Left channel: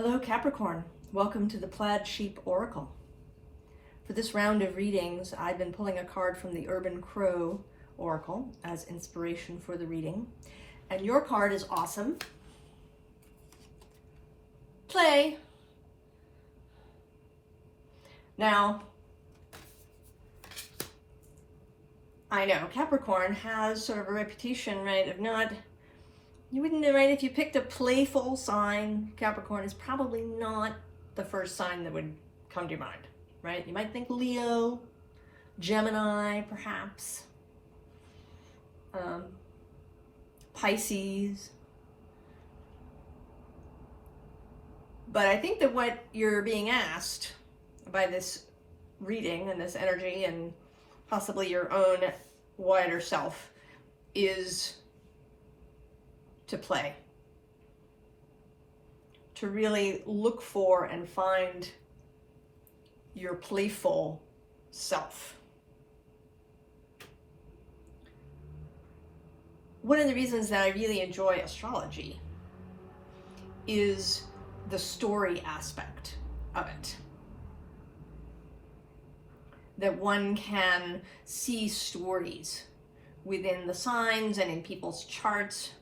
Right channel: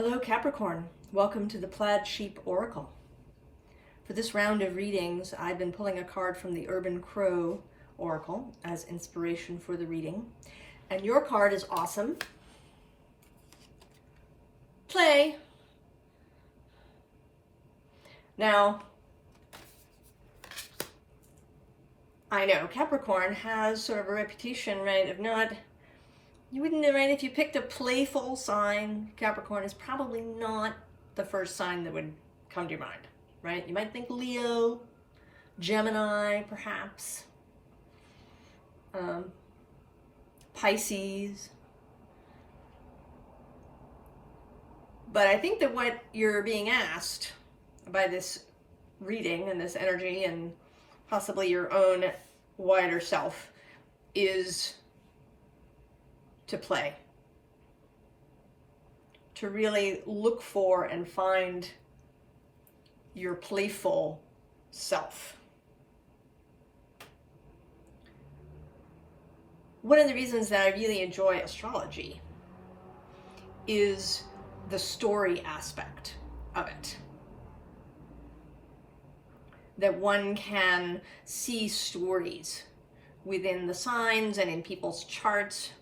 Hello Capricorn, welcome to the Plaid Sheep Oracle. For this round of readings, I've been pulling a card from the Urban Crow Oracle as inspiration for the reading. And your card is awesome. Play. Now, I know Capricorn has sort of a reputation, right, of not, you wouldn't know, right, if you picked a playful sign, Capricorn is probably not the first sign that would come to your mind, right? You might think Leo, Gemini, perhaps, Pisces. But I think that what you're being asked by this reading and this energy and possibly your own wider self is to play, to really look for and find your playful self. One of the reasons that I really enjoy astrology is the story aspect of it. That one can see stories within the signs and in people's charts.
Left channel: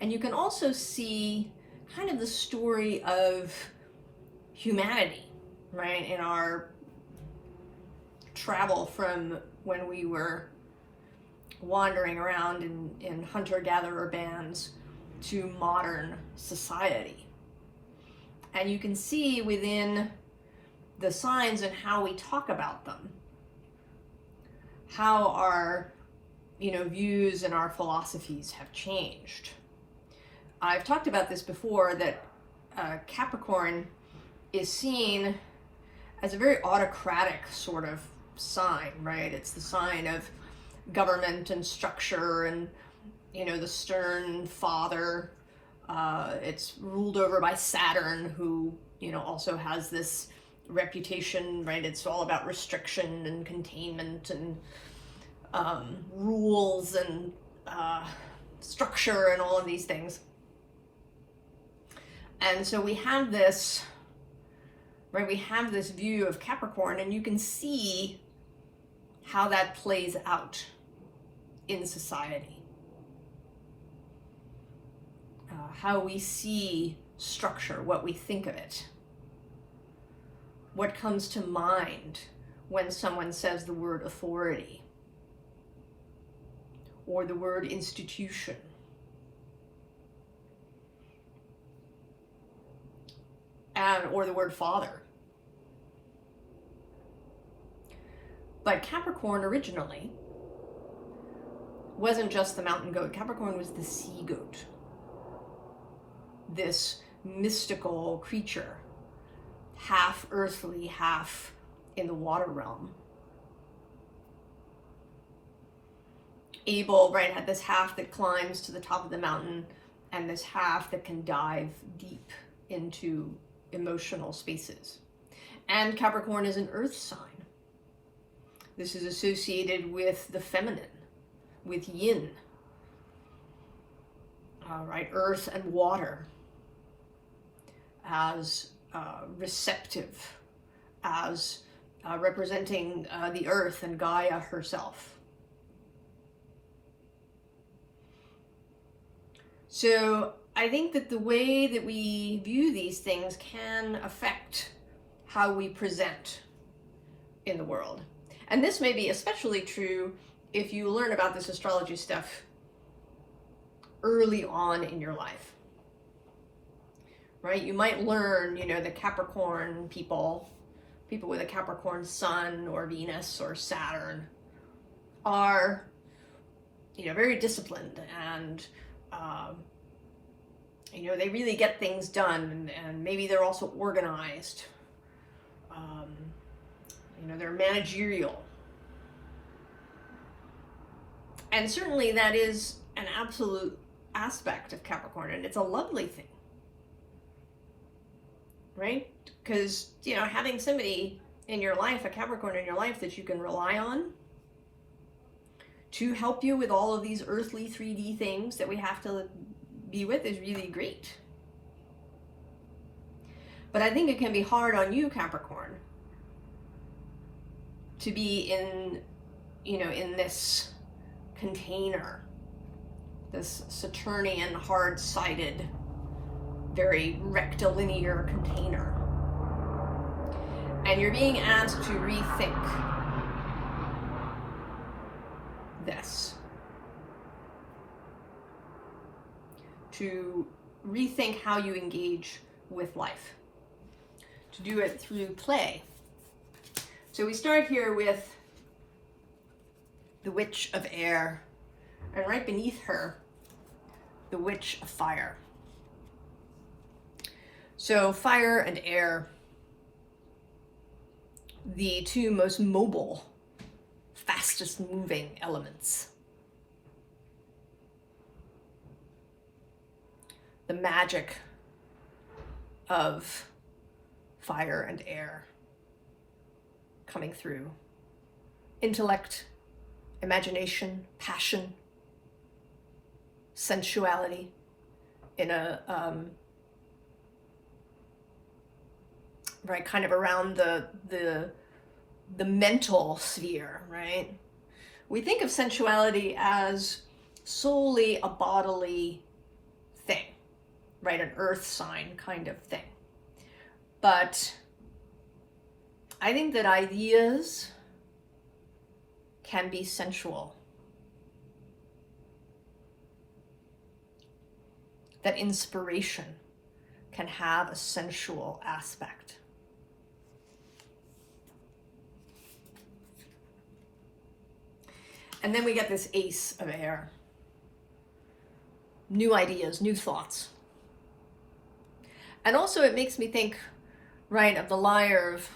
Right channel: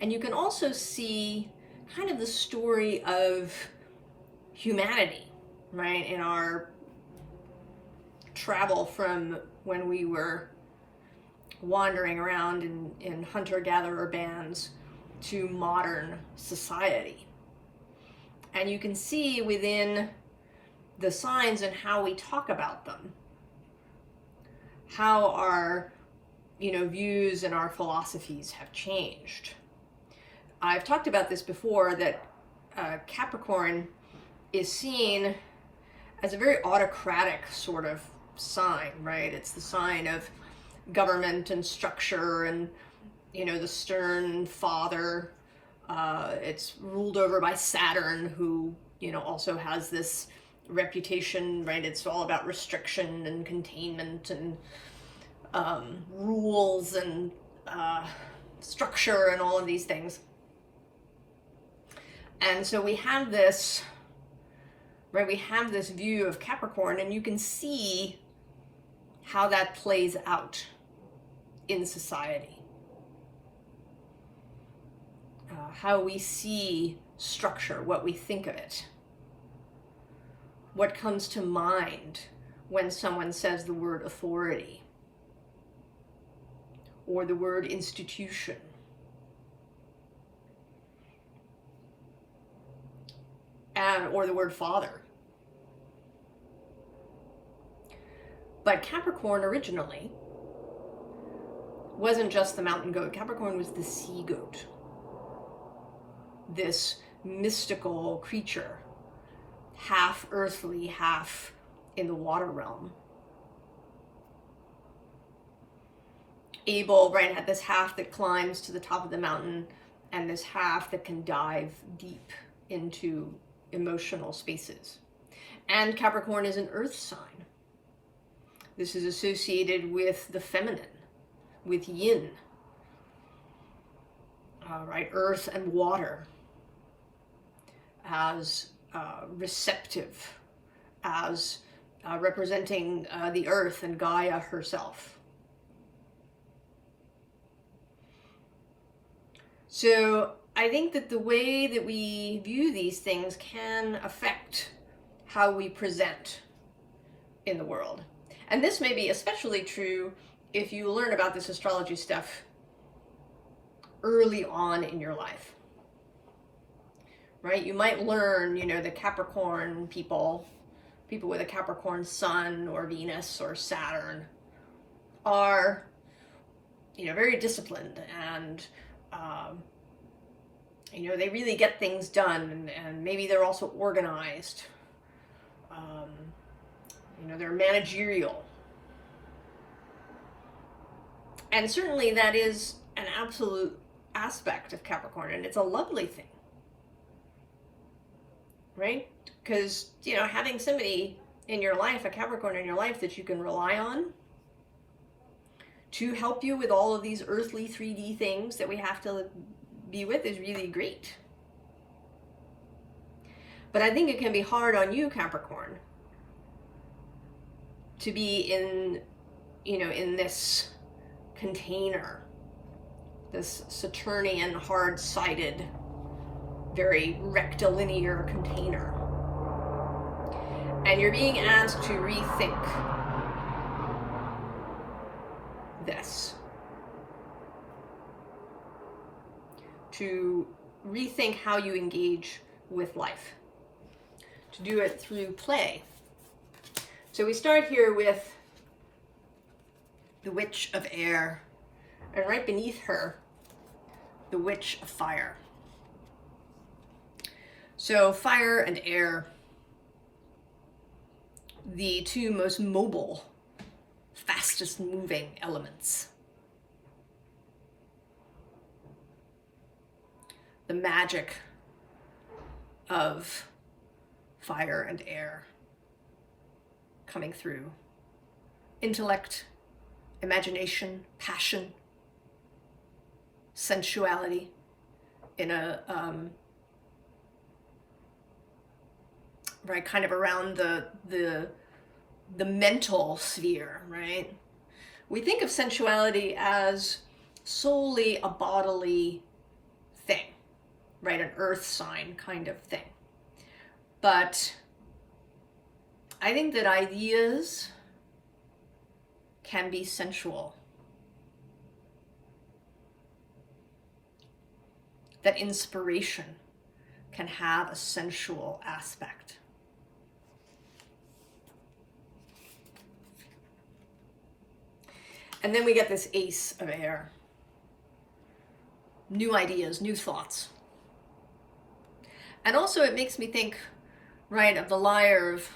And you can also see kind of the story of humanity, right? In our travel from when we were wandering around in hunter-gatherer bands to modern society. And you can see within the signs and how we talk about them, how our, views and our philosophies have changed. I've talked about this before, that Capricorn is seen as a very autocratic sort of sign, right? It's the sign of government and structure and, the stern father. It's ruled over by Saturn, who, also has this reputation, right? It's all about restriction and containment and rules and structure and all of these things. And so we have this, right? We have this view of Capricorn, and you can see how that plays out in society. How we see structure, what we think of it. What comes to mind when someone says the word authority or the word institution. Or the word father. But Capricorn originally wasn't just the mountain goat. Capricorn was the sea goat. This mystical creature, half earthly, half in the water realm. Able, right, had this half that climbs to the top of the mountain and this half that can dive deep into emotional spaces. And Capricorn is an earth sign. This is associated with the feminine, with yin, right? Earth and water as receptive, as representing the earth and Gaia herself. So I think that the way that we view these things can affect how we present in the world. And this may be especially true if you learn about this astrology stuff early on in your life, right? You might learn, the Capricorn people with a Capricorn sun or Venus or Saturn are, very disciplined and, they really get things done, and maybe they're also organized. They're managerial. And certainly that is an absolute aspect of Capricorn, and it's a lovely thing, right? Because, having somebody in your life, a Capricorn in your life that you can rely on to help you with all of these earthly 3D things that we have to be with is really great. But I think it can be hard on you, Capricorn, to be in, in this container, this Saturnian, hard-sided, very rectilinear container. And you're being asked to rethink this. To rethink how you engage with life. To do it through play. So we start here with the Witch of Air, and right beneath her, the Witch of Fire. So fire and air, the two most mobile, fastest moving elements. The magic of fire and air coming through. Intellect, imagination, passion, sensuality in a right, kind of around the mental sphere, right? We think of sensuality as solely a bodily thing, right? An earth sign kind of thing. But I think that ideas can be sensual. That inspiration can have a sensual aspect. And then we get this Ace of Air. New ideas, new thoughts. And also it makes me think, right, of the lyre of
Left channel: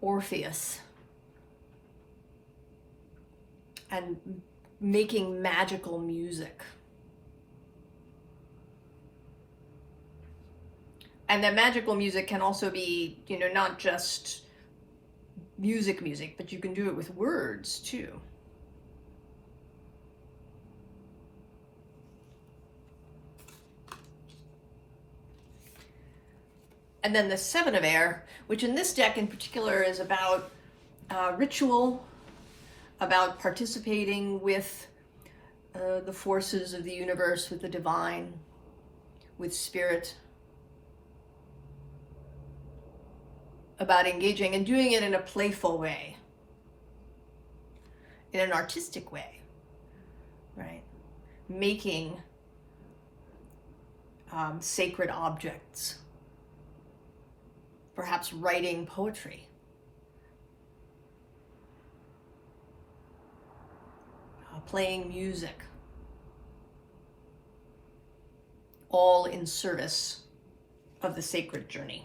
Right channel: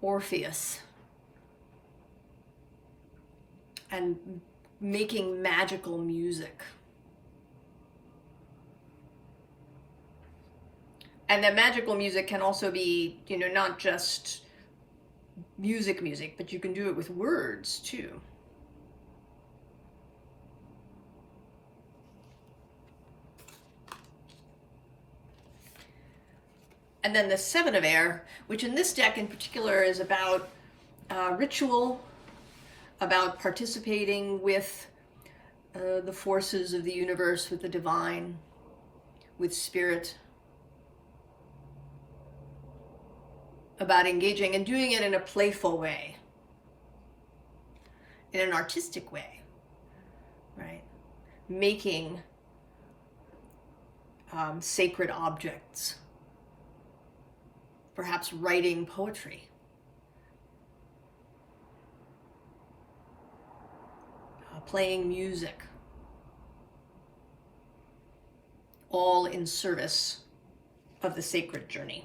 Orpheus. And making magical music. And that magical music can also be, not just music, but you can do it with words too. And then the Seven of Air, which in this deck in particular is about ritual, about participating with the forces of the universe, with the divine, with spirit, about engaging and doing it in a playful way, in an artistic way, right? Making sacred objects, perhaps writing poetry, playing music, all in service of the sacred journey.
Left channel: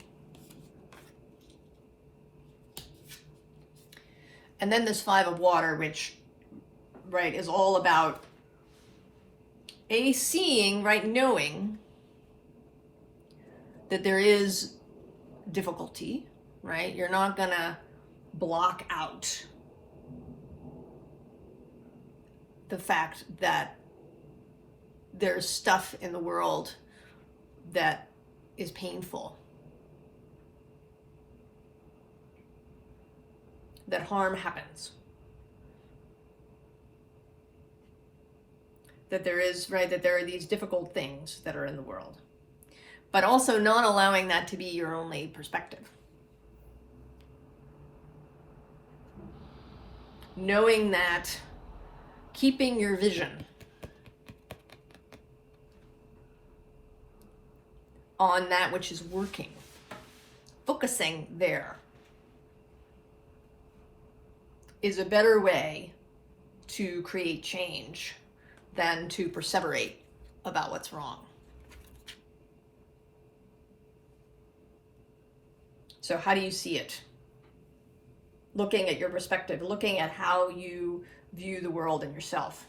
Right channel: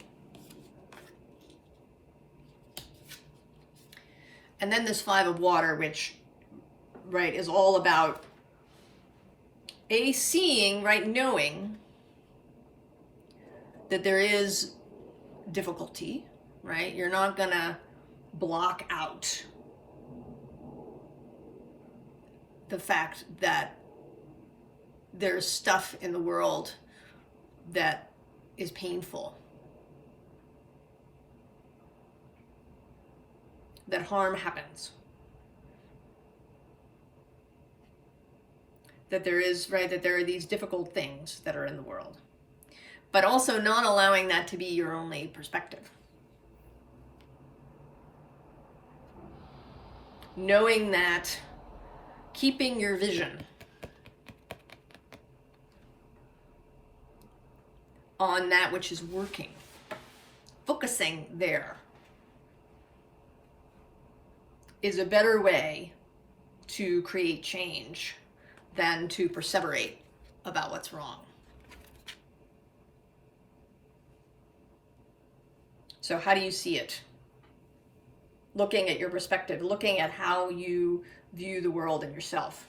And then this Five of Water, which, right, is all about seeing, right, knowing that there is difficulty, right? You're not gonna block out the fact that there's stuff in the world that is painful, that harm happens, that there is, right, that there are these difficult things that are in the world, but also not allowing that to be your only perspective. Knowing that, keeping your vision on that which is working, focusing there, is a better way to create change than to perseverate about what's wrong. So how do you see it? Looking at your perspective, looking at how you view the world and yourself.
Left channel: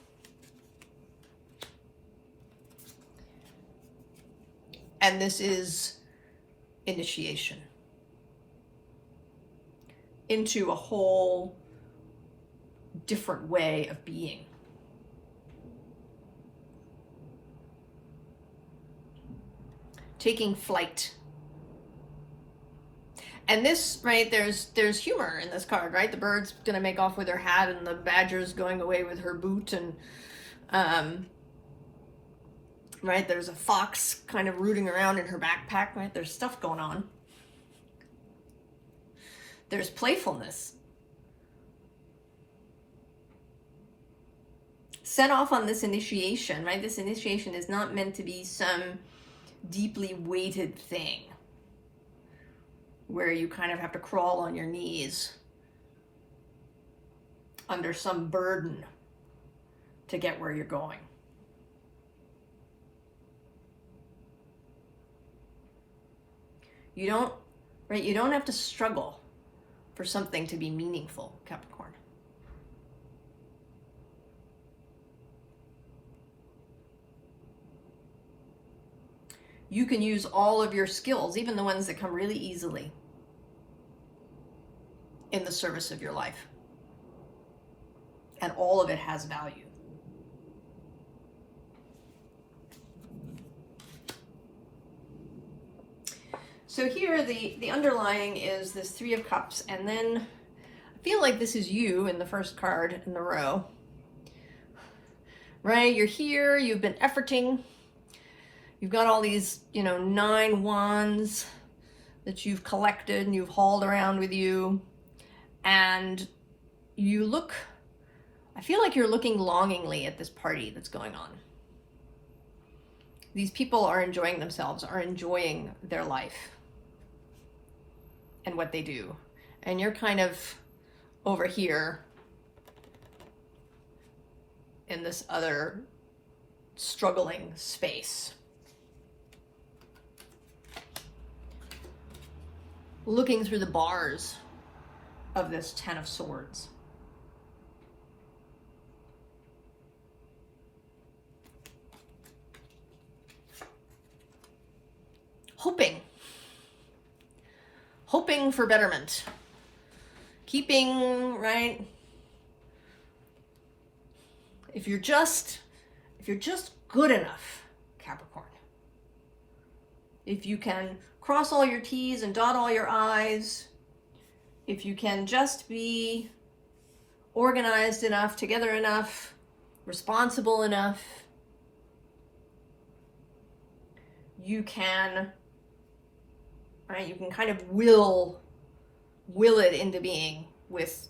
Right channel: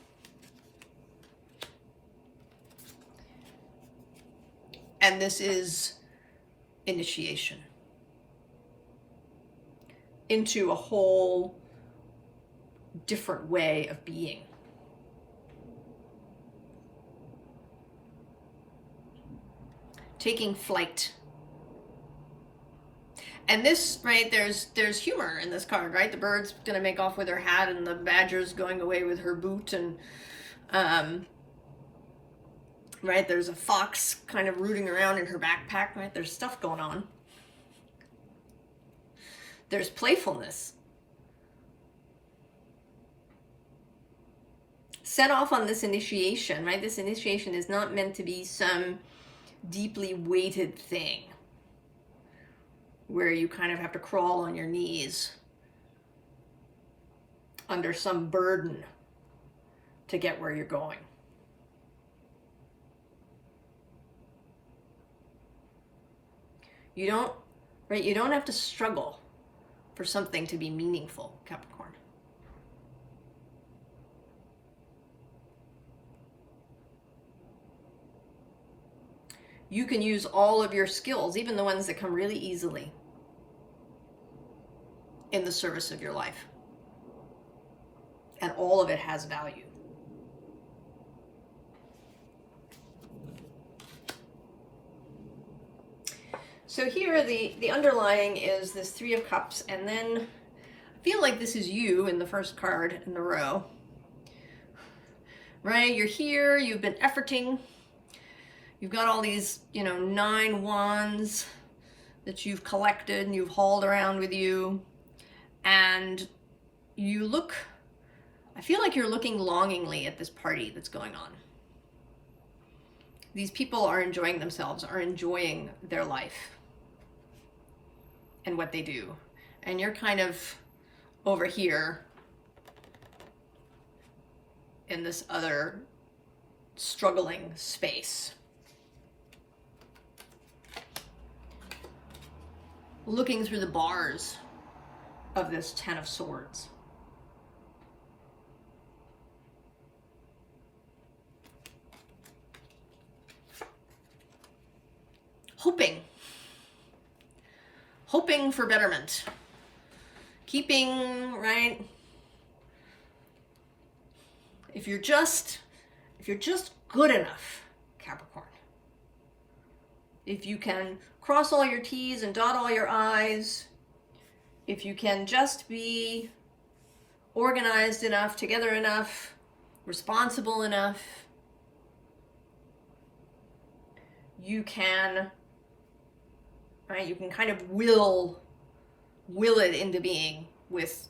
And this is initiation into a whole different way of being. Taking flight And this, right, there's humor in this card, right? The bird's gonna make off with her hat, and the badger's going away with her boot, and right, there's a fox kind of rooting around in her backpack, right? There's stuff going on. There's playfulness. Set off on this initiation, right? This initiation is not meant to be some deeply weighted thing where you kind of have to crawl on your knees under some burden to get where you're going. You don't, right? You don't have to struggle for something to be meaningful, Capricorn. You can use all of your skills, even the ones that come really easily, in the service of your life. And all of it has value. So here the underlying is this Three of Cups, and then I feel like this is you in the first card in the row. Right? You're here, you've been efforting. You've got all these, 9 wands that you've collected and you've hauled around with you. And you look, I feel like you're looking longingly at this party that's going on. These people are enjoying themselves, are enjoying their life and what they do. And you're kind of over here in this other struggling space, looking through the bars of this Ten of Swords. Hoping for betterment. Keeping, right? If you're just good enough, Capricorn. If you can cross all your T's and dot all your I's, if you can just be organized enough, together enough, responsible enough, you can, right, you can kind of will it into being with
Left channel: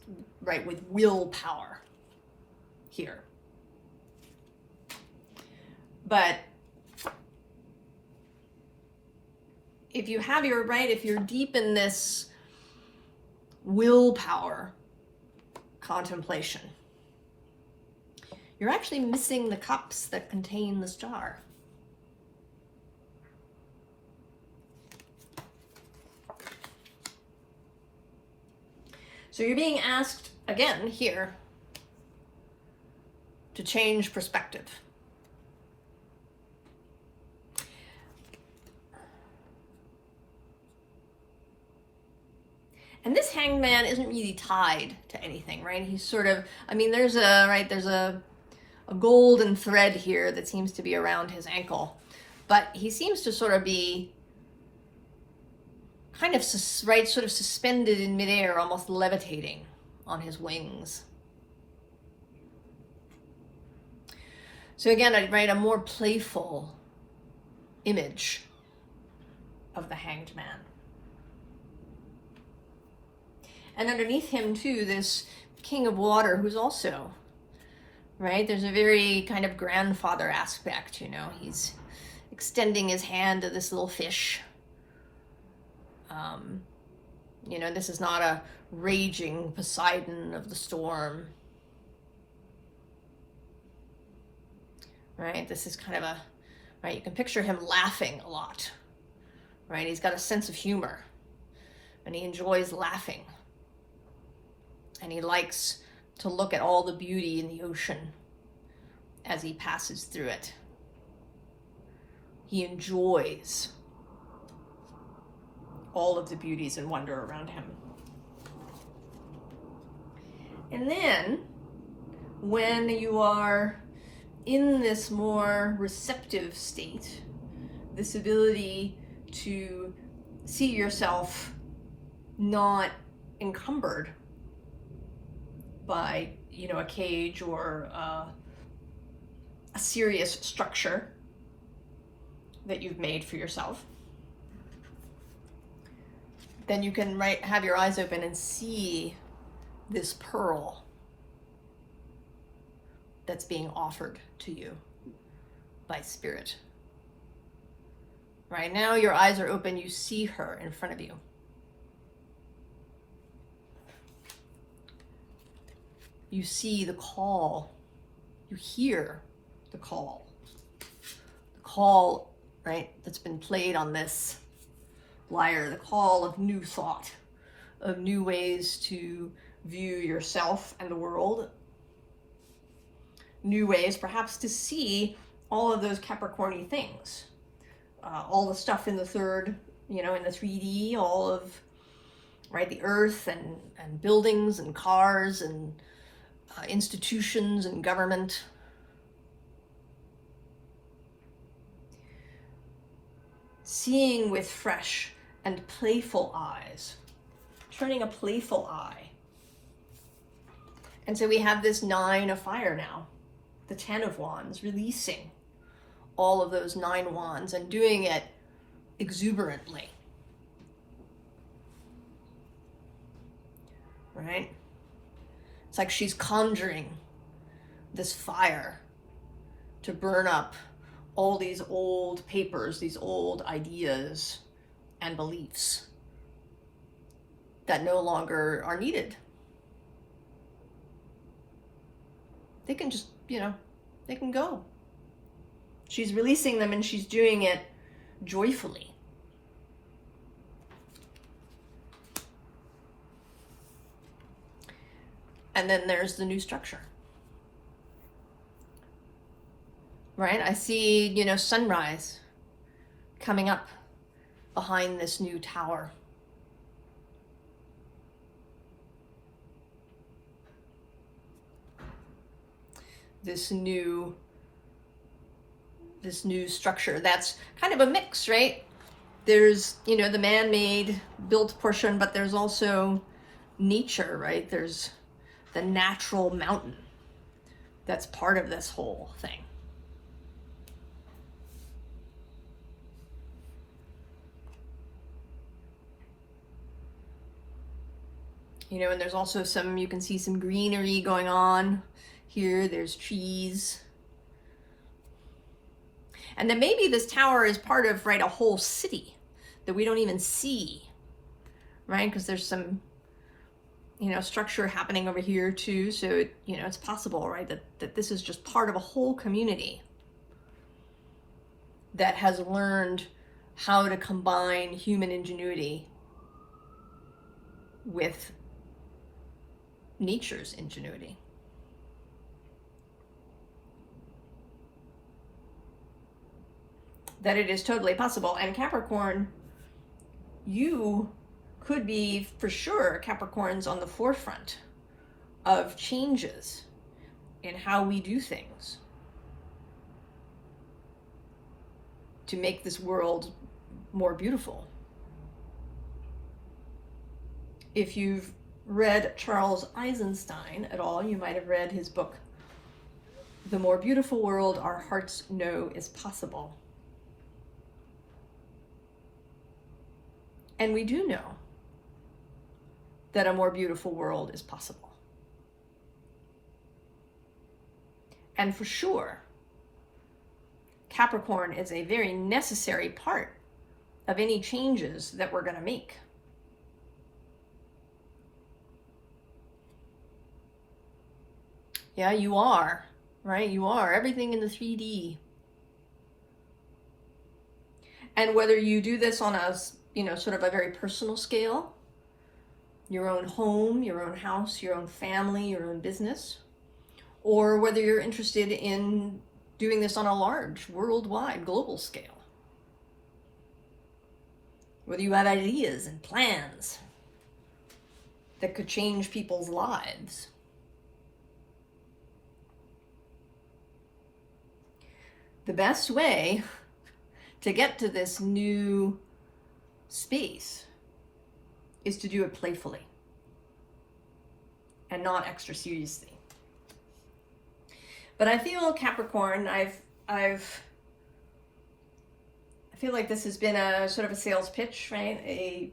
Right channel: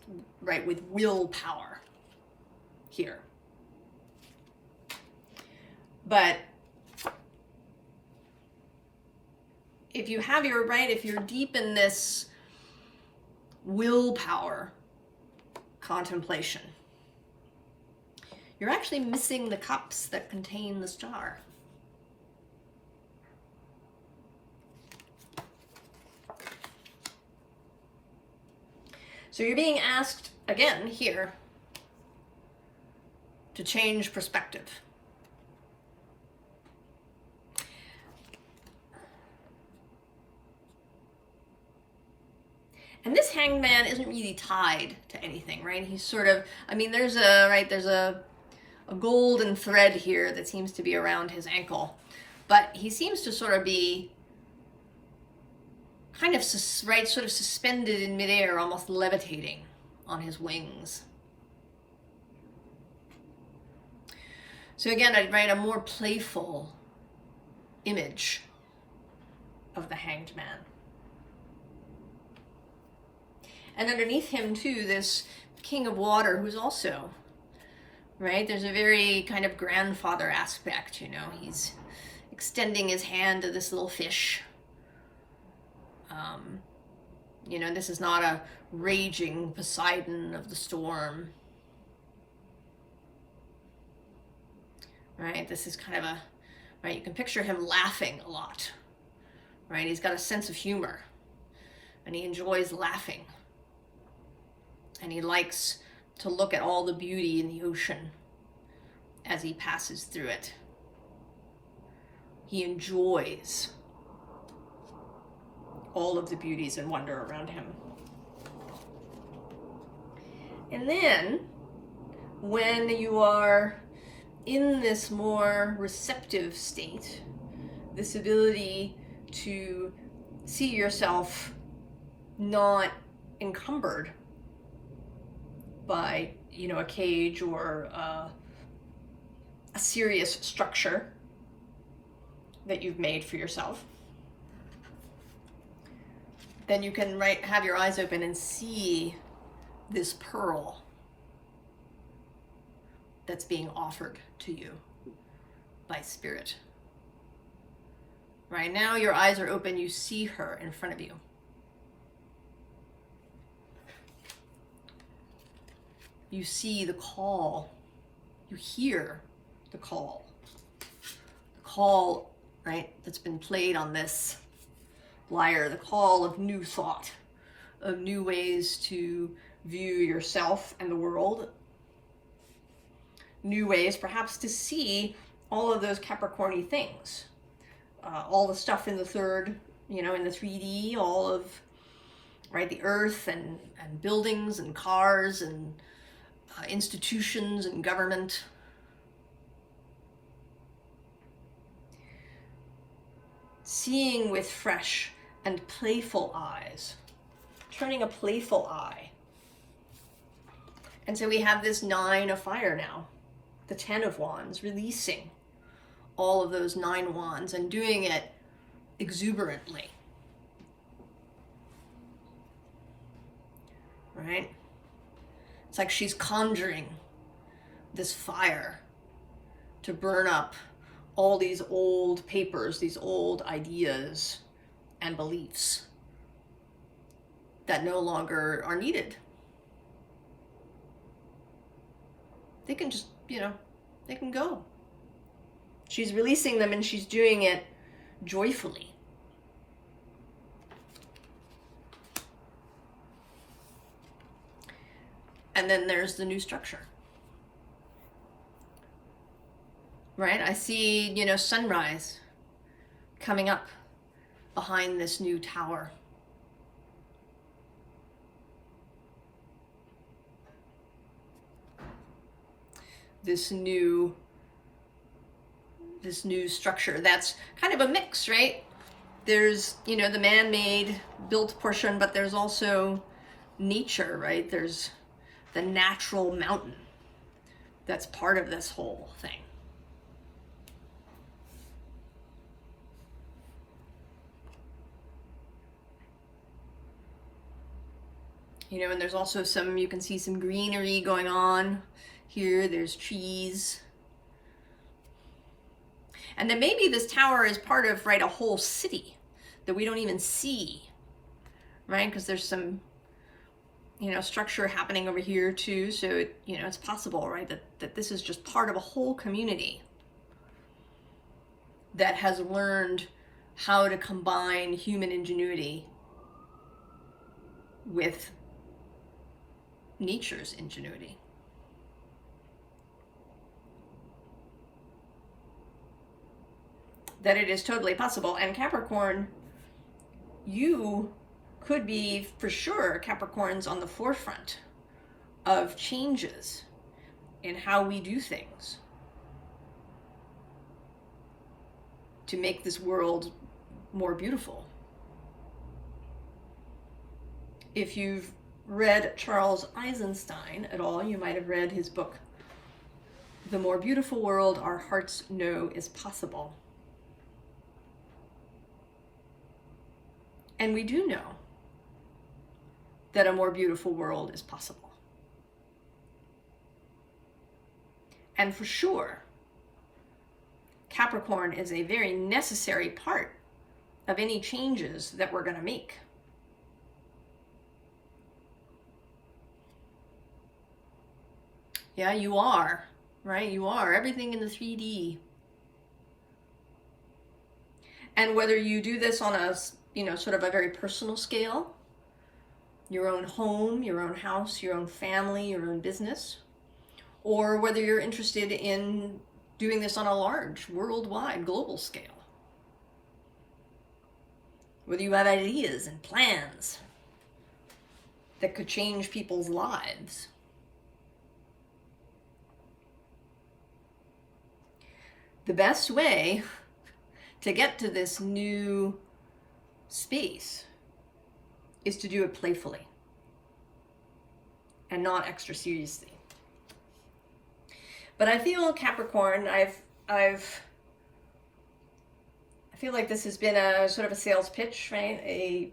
willpower here. But if you have your, right, if you're deep in this willpower contemplation, you're actually missing the cups that contain the star. So you're being asked again here to change perspective. And this Hanged Man isn't really tied to anything, right? He's sort of, I mean, there's a golden thread here that seems to be around his ankle, but he seems to sort of be kind of, right, sort of suspended in midair, almost levitating on his wings. So again, I'd write a more playful image of the Hanged Man. And underneath him too, this King of Water, who's also, right, there's a very kind of grandfather aspect, he's extending his hand to this little fish. This is not a raging Poseidon of the storm. Right, this is kind of a, right, you can picture him laughing a lot. Right, he's got a sense of humor and he enjoys laughing. And he likes to look at all the beauty in the ocean as he passes through it. He enjoys all of the beauties and wonder around him. And then, when you are in this more receptive state, this ability to see yourself not encumbered by, you know, a cage or a serious structure that you've made for yourself, then you can have your eyes open and see this pearl that's being offered to you by Spirit. Right now, your eyes are open, you see her in front of you. You see the call, you hear the call. The call, right, that's been played on this lyre, the call of new thought, of new ways to view yourself and the world, new ways perhaps to see all of those Capricorn-y things, all the stuff in the third, you know, in the 3D, all of, right, the earth and buildings and cars and institutions and government. Seeing with fresh and playful eyes, turning a playful eye. And so we have this 9 of fire now, the 10 of wands, releasing all of those 9 wands and doing it exuberantly. Right? It's like she's conjuring this fire to burn up all these old papers, these old ideas and beliefs that no longer are needed. They can just, you know, they can go. She's releasing them and she's doing it joyfully. And then there's the new structure. Right? I see, you know, sunrise coming up behind this new tower. This new structure that's kind of a mix, right? There's, you know, the man-made built portion, but there's also nature, right? There's the natural mountain that's part of this whole thing. You know, and there's also some, you can see some greenery going on here. There's trees. And then maybe this tower is part of, right, a whole city that we don't even see, right? Because there's some, you know, structure happening over here too. So, you know, it's possible, right, that this is just part of a whole community that has learned how to combine human ingenuity with nature's ingenuity. That it is totally possible. And Capricorn, you could be, for sure, Capricorn's on the forefront of changes in how we do things to make this world more beautiful. If you've read Charles Eisenstein at all, you might have read his book, The More Beautiful World Our Hearts Know Is Possible. And we do know that a more beautiful world is possible. And for sure, Capricorn is a very necessary part of any changes that we're going to make. Yeah, you are, right? You are everything in the 3D. And whether you do this on a, you know, sort of a very personal scale, your own home, your own house, your own family, your own business, or whether you're interested in doing this on a large, worldwide, global scale. Whether you have ideas and plans that could change people's lives. The best way to get to this new space is to do it playfully and not extra seriously. But I feel, Capricorn, I feel like this has been a sort of a sales pitch, right?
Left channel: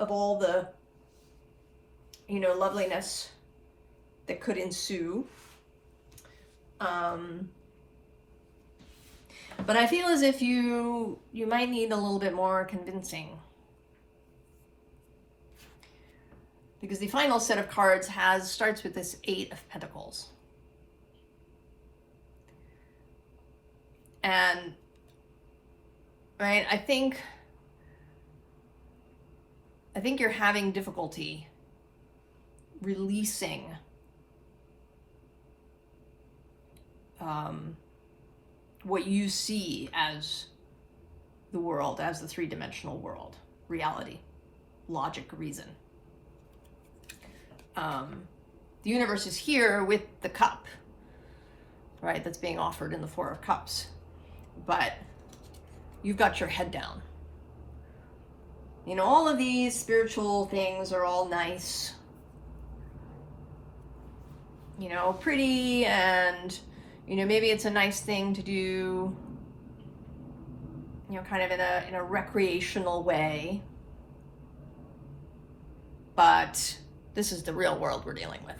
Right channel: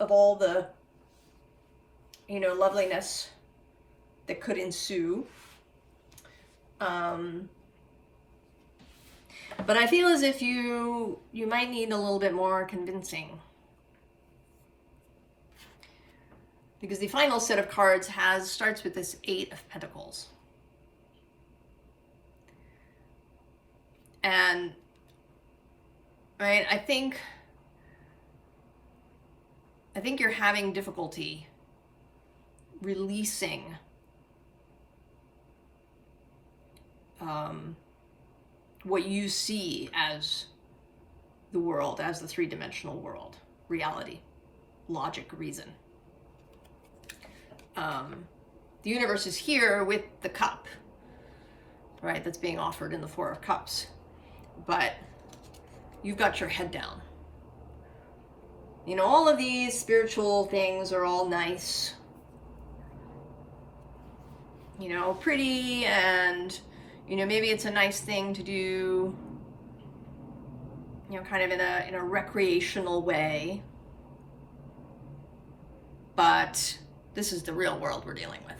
Of all the, you know, loveliness that could ensue. But I feel as if you might need a little bit more convincing. Because the final set of cards starts with this 8 of Pentacles. And, right, I think you're having difficulty releasing what you see as the world, as the 3-dimensional world, reality, logic, reason. The universe is here with the cup, right, that's being offered in the 4 of Cups. But you've got your head down. You know, all of these spiritual things are all nice, you know, pretty, and, you know, maybe it's a nice thing to do, you know, kind of in a recreational way. But this is the real world we're dealing with.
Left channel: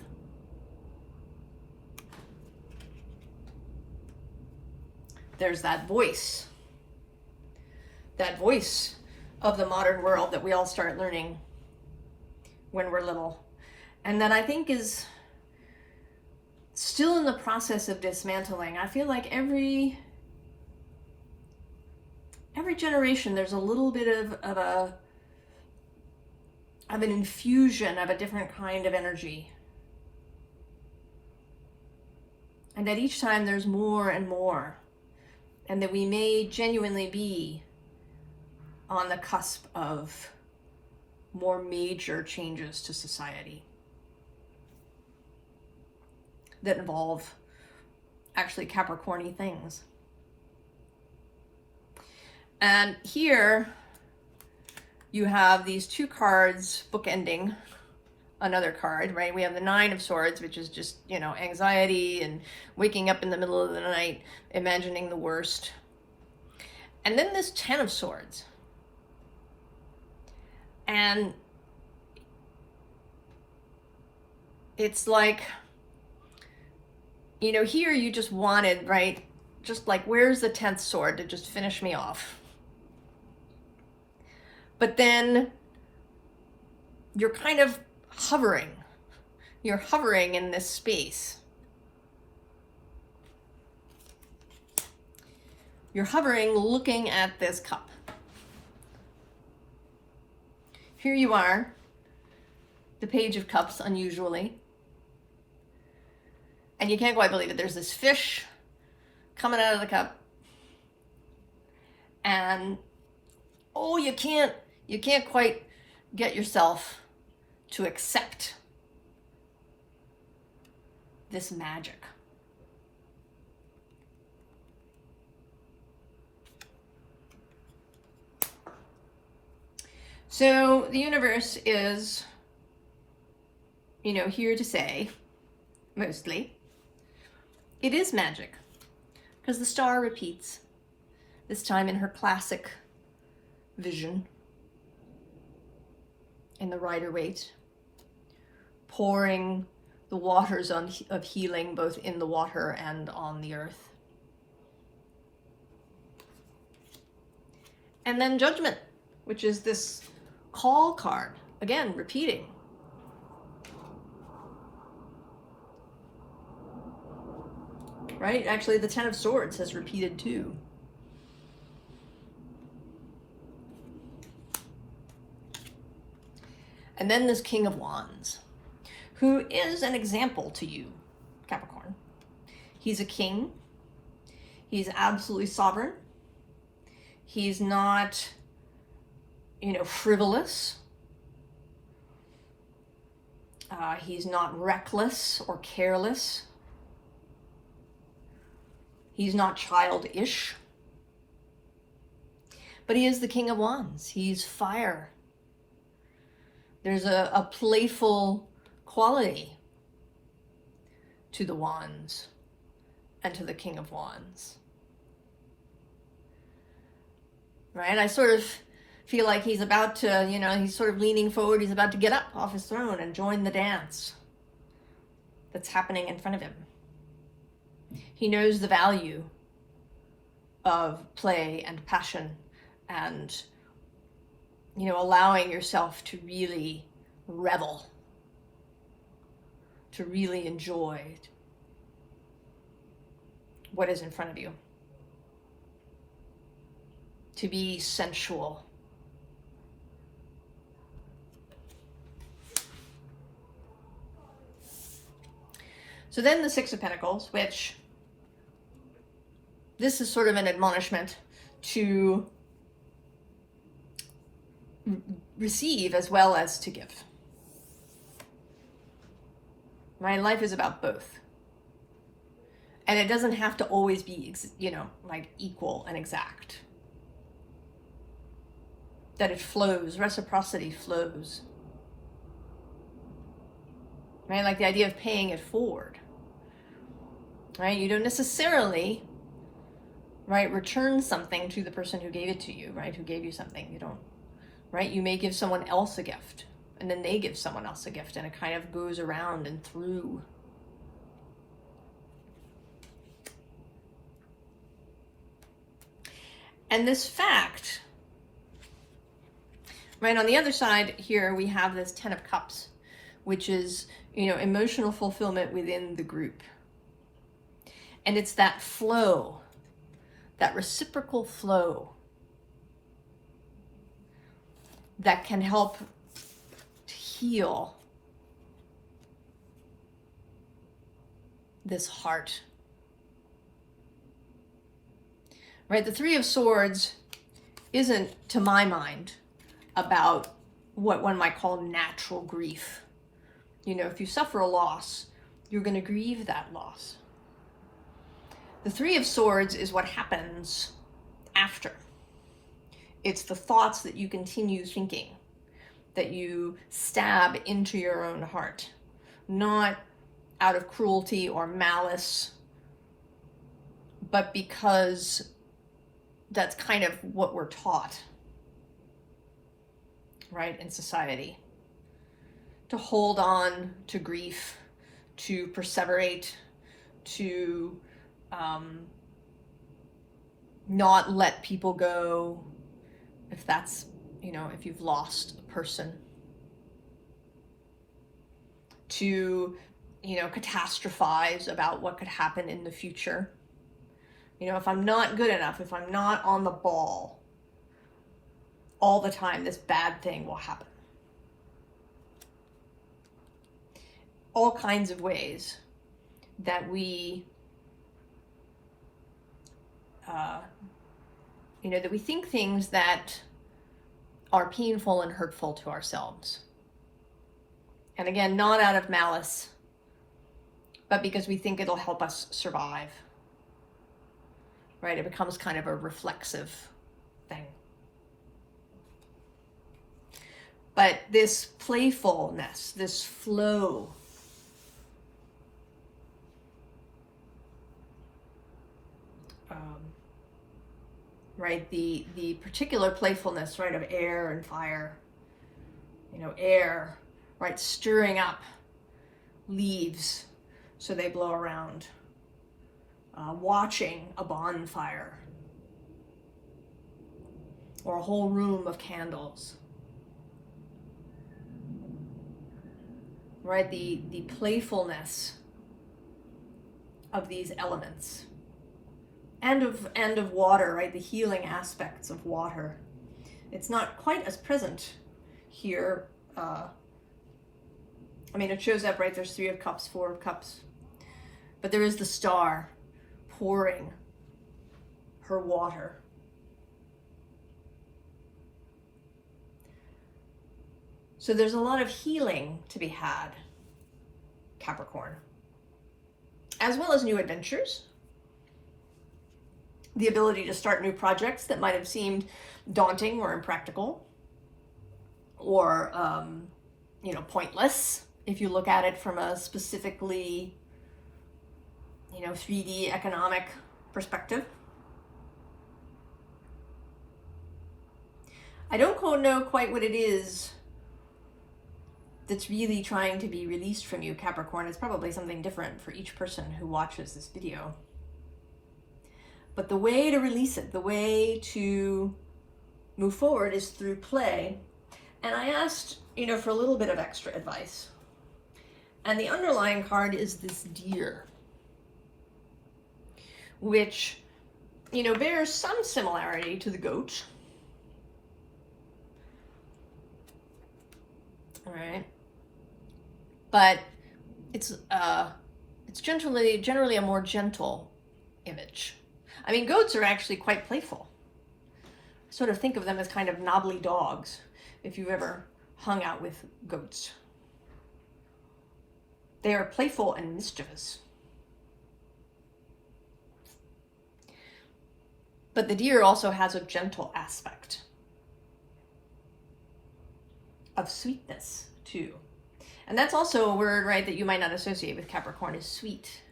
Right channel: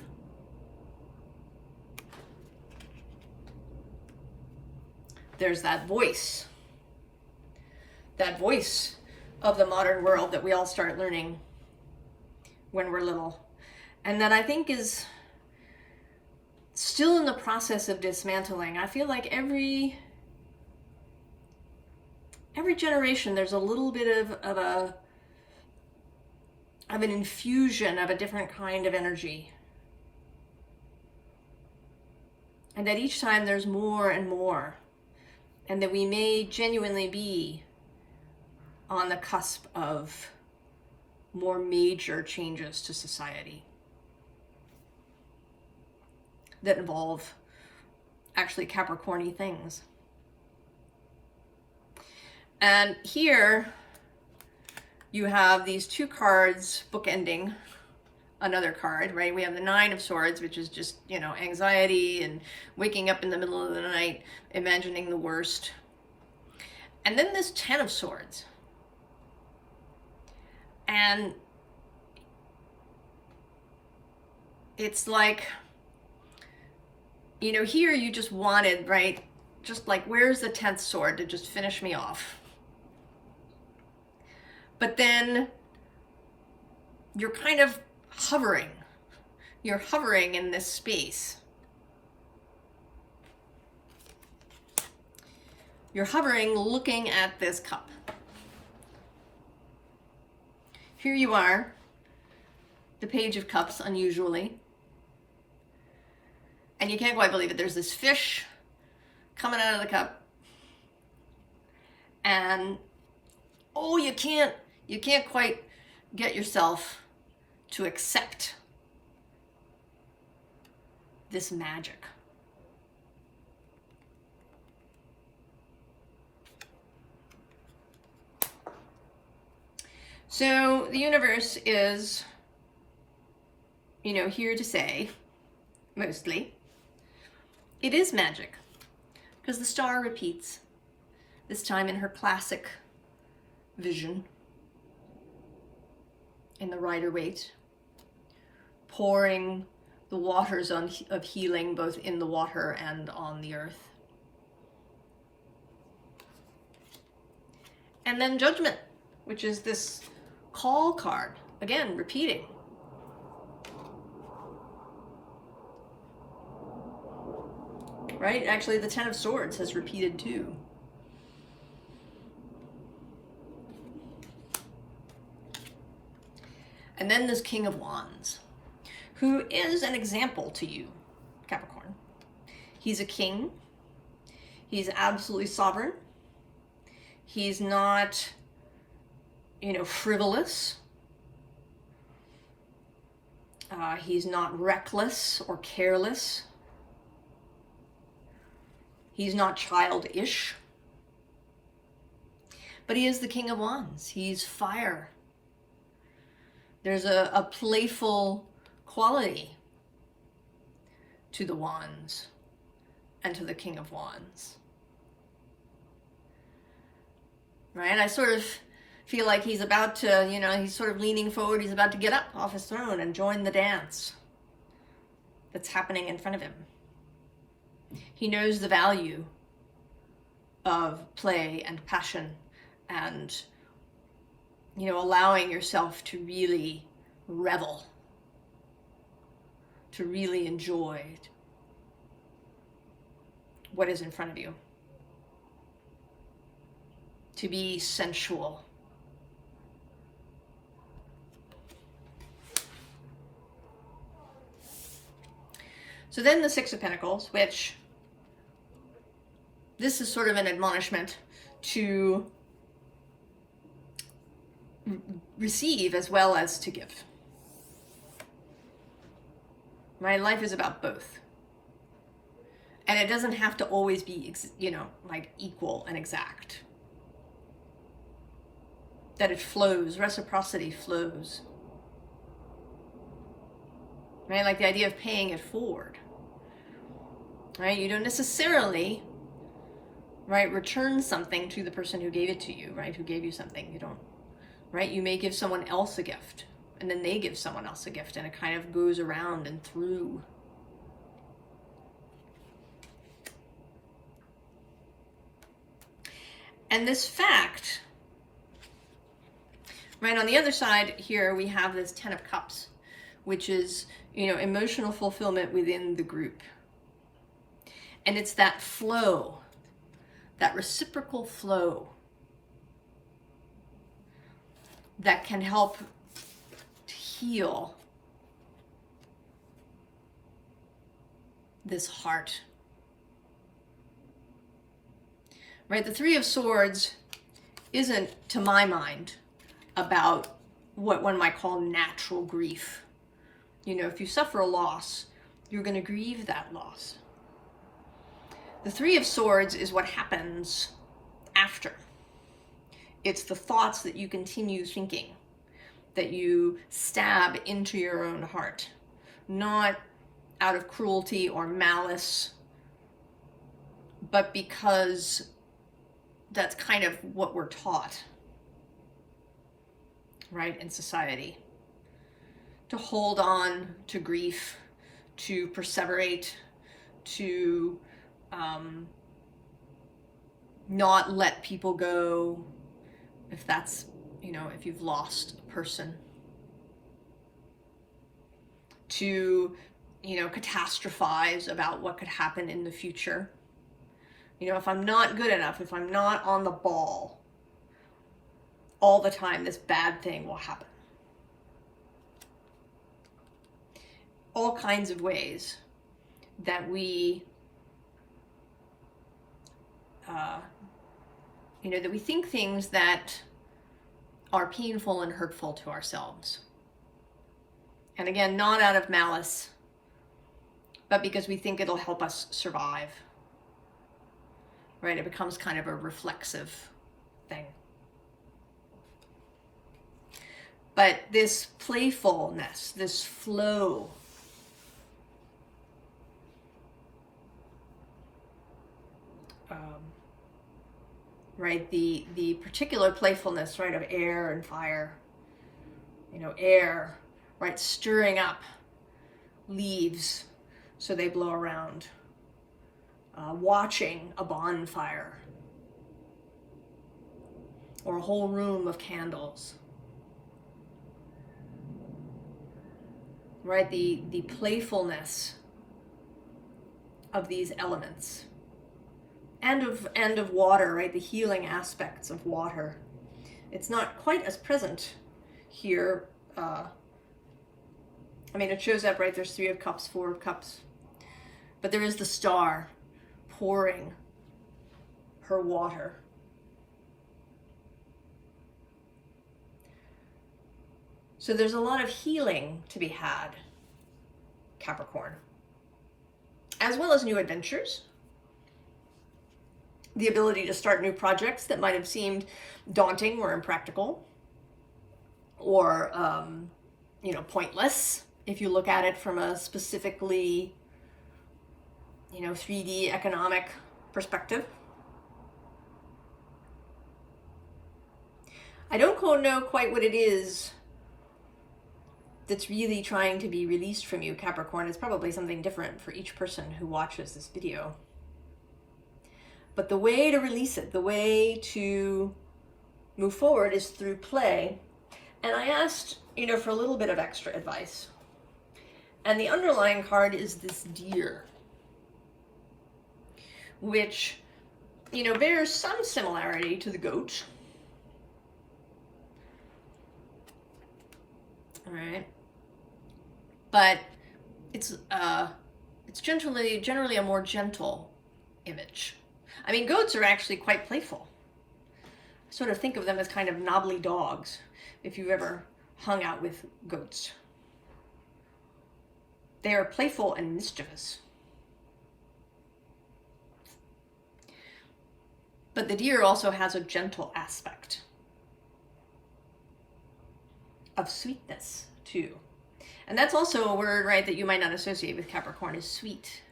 There's that voice of the modern world that we all start learning when we're little, and that I think is still in the process of dismantling. I feel like every generation there's a little bit of an infusion of a different kind of energy, and that each time there's more and more. And that we may genuinely be on the cusp of more major changes to society that involve actually Capricorn-y things. And here you have these 2 cards bookending another card, right? We have the 9 of Swords, which is just, you know, anxiety and waking up in the middle of the night, imagining the worst. And then this 10 of Swords. And it's like, you know, here you just wanted, right? Just like, where's the 10th sword to just finish me off? But then you're kind of hovering. You're hovering in this space. You're hovering, looking at this cup. Here you are, the Page of Cups, unusually. And you can't quite believe it. There's this fish coming out of the cup. And, oh, you can't quite get yourself to accept this magic. So the universe is, you know, here to say, mostly, it is magic, because the star repeats, this time in her classic vision, in the Rider-Waite, pouring the waters of healing both in the water and on the earth. And then Judgment, which is this call card, again, repeating. Right? Actually, the 10 of Swords has repeated too. And then this King of Wands, who is an example to you, Capricorn. He's a king. He's absolutely sovereign. He's not, you know, frivolous. He's not reckless or careless. He's not childish. But he is the King of Wands. He's fire. There's a playful quality to the Wands and to the King of Wands. Right? I sort of feel like he's about to, he's sort of leaning forward. He's about to get up off his throne and join the dance that's happening in front of him. He knows the value of play and passion and, allowing yourself to really revel, to really enjoy what is in front of you, to be sensual. So then the Six of Pentacles, which this is sort of an admonishment to receive as well as to give. Right? Life is about both. And it doesn't have to always be, like equal and exact. That it flows, reciprocity flows. Right? Like the idea of paying it forward. Right? You don't necessarily, right, return something to the person who gave it to you, right? Who gave you something. You don't, right? You may give someone else a gift, and then they give someone else a gift, and it kind of goes around and through. And this fact, right, on the other side here, we have this Ten of Cups, which is, emotional fulfillment within the group. And it's that flow, that reciprocal flow that can help to heal this heart. Right? The Three of Swords isn't, to my mind, about what one might call natural grief. If you suffer a loss, you're going to grieve that loss. The Three of Swords is what happens after. It's the thoughts that you continue thinking, that you stab into your own heart, not out of cruelty or malice, but because that's kind of what we're taught, right, in society. To hold on to grief, to perseverate, to not let people go, if that's, if you've lost a person. To, catastrophize about what could happen in the future. If I'm not good enough, if I'm not on the ball all the time, this bad thing will happen. All kinds of ways that we, that we think things that are painful and hurtful to ourselves. And again, not out of malice, but because we think it'll help us survive. Right? It becomes kind of a reflexive thing. But this playfulness, this flow, right? The particular playfulness, right, of air and fire. Air, right, stirring up leaves so they blow around. Watching a bonfire or a whole room of candles. Right, the playfulness of these elements. And of water, right? The healing aspects of water. It's not quite as present here. It shows up, right? There's Three of Cups, Four of Cups. But there is the star pouring her water. So there's a lot of healing to be had, Capricorn. As well as new adventures. The ability to start new projects that might have seemed daunting or impractical. Or, pointless if you look at it from a specifically, 3D economic perspective. I don't know quite what it is that's really trying to be released from you, Capricorn. It's probably something different for each person who watches this video. But the way to release it, the way to move forward is through play. And I asked, for a little bit of extra advice. And the underlying card is this deer, which, bears some similarity to the goat. All right. But it's generally a more gentle image. I mean, goats are actually quite playful. I sort of think of them as kind of knobbly dogs, if you've ever hung out with goats. They are playful and mischievous. But the deer also has a gentle aspect of sweetness too. And that's also a word, right, that you might not associate with Capricorn, is sweet.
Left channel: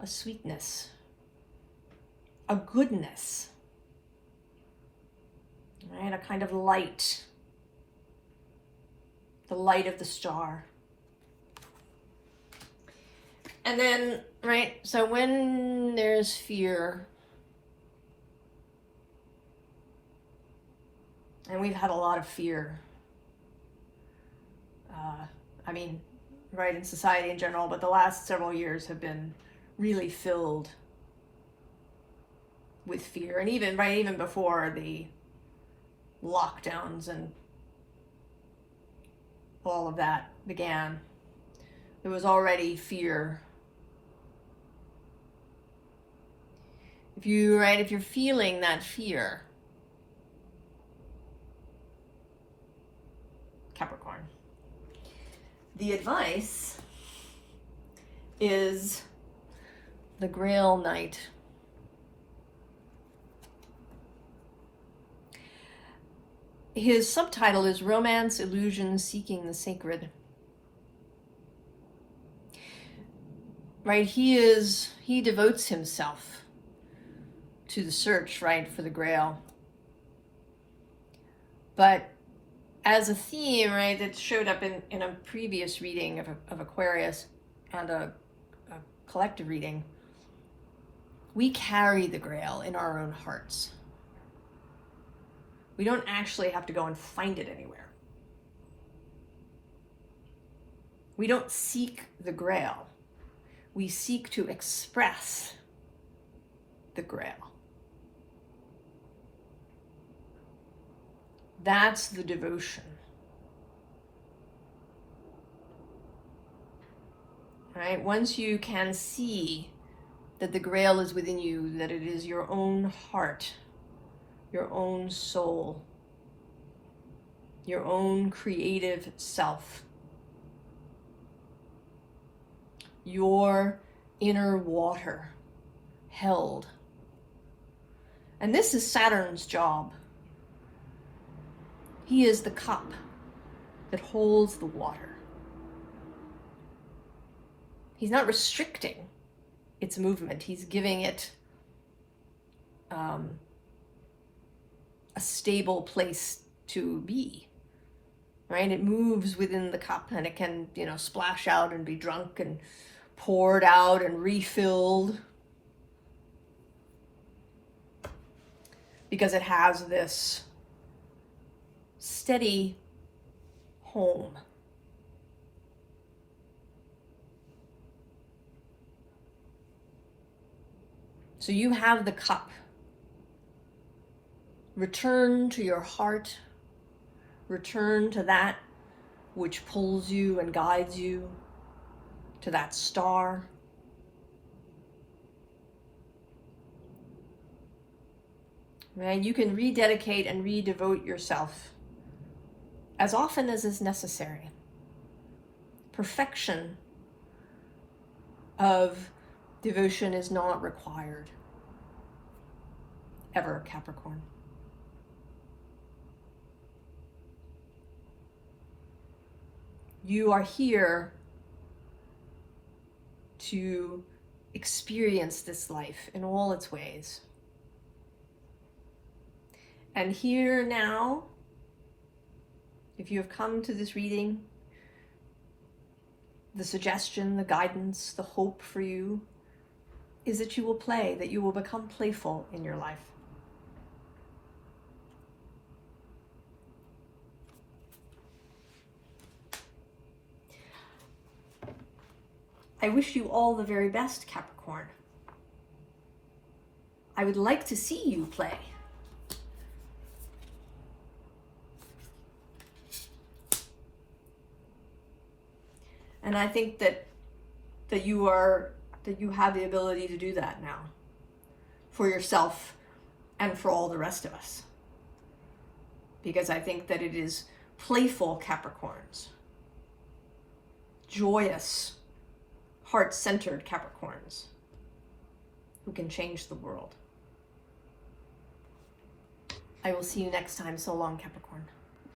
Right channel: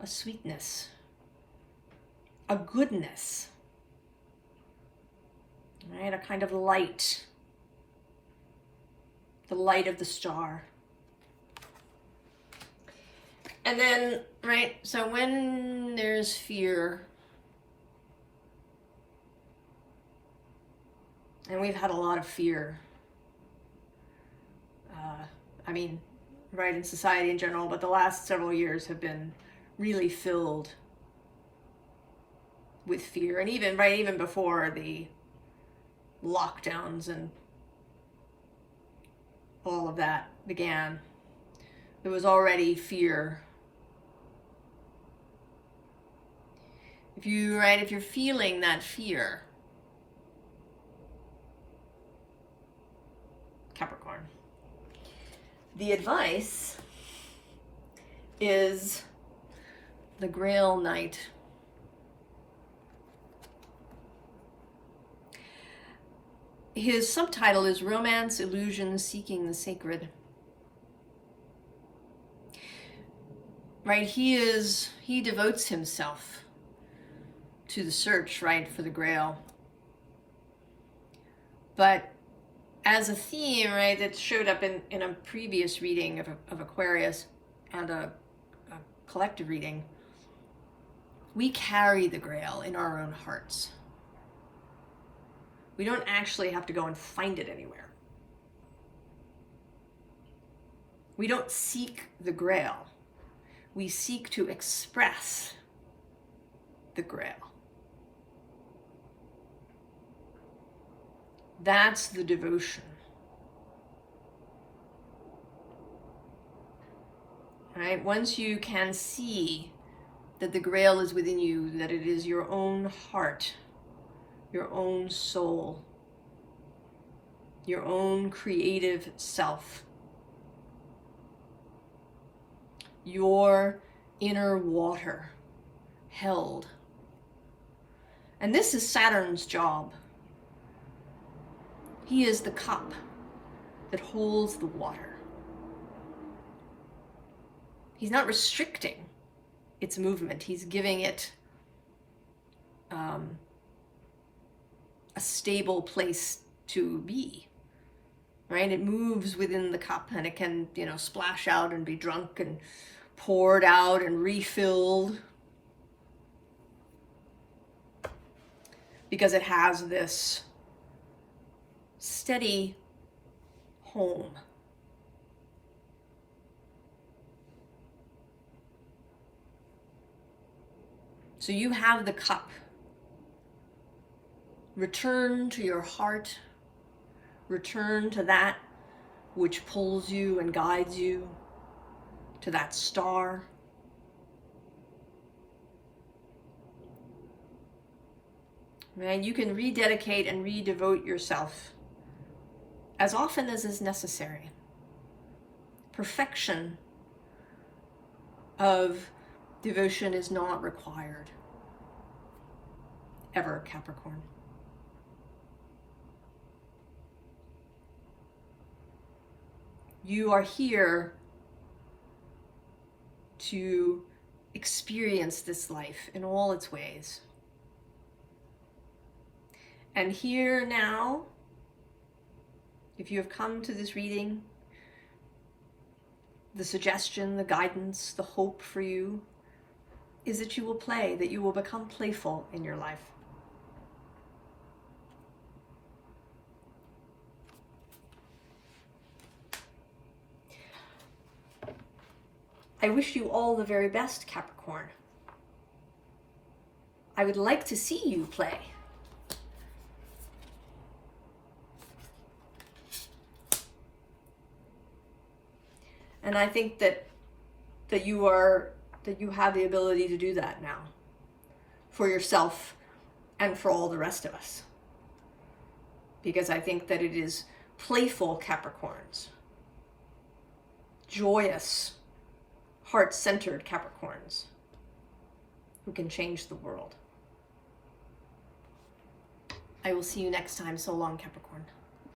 A sweetness. A goodness. Right, a kind of light. The light of the star. And then, right, so when there's fear, and we've had a lot of fear, right, in society in general, but the last several years have been really filled with fear. And even before the lockdowns and all of that began, there was already fear. If you're feeling that fear, Capricorn, the advice is the Grail Knight. His subtitle is Romance, Illusion, Seeking the Sacred. Right, he devotes himself to the search, right, for the Grail. But as a theme, right, that showed up in a previous reading of Aquarius, and a collective reading, we carry the Grail in our own hearts. We don't actually have to go and find it anywhere. We don't seek the Grail. We seek to express the Grail. That's the devotion. Right? Once you can see that the Grail is within you, that it is your own heart, your own soul, your own creative self, your inner water held. And this is Saturn's job. He is the cup that holds the water. He's not restricting its movement. He's giving it a stable place to be, right? It moves within the cup, and it can, splash out and be drunk and poured out and refilled, because it has this steady home. So you have the cup. Return to your heart. Return to that which pulls you and guides you, to that star. Right? You can rededicate and redevote yourself as often as is necessary. Perfection of devotion is not required. Ever, Capricorn. You are here to experience this life in all its ways. And here now, if you have come to this reading, the suggestion, the guidance, the hope for you is that you will play, that you will become playful in your life. I wish you all the very best, Capricorn. I would like to see you play. And I think that you have the ability to do that now for yourself and for all the rest of us. Because I think that it is playful Capricorns, joyous, heart-centered Capricorns who can change the world. I will see you next time. So long, Capricorn.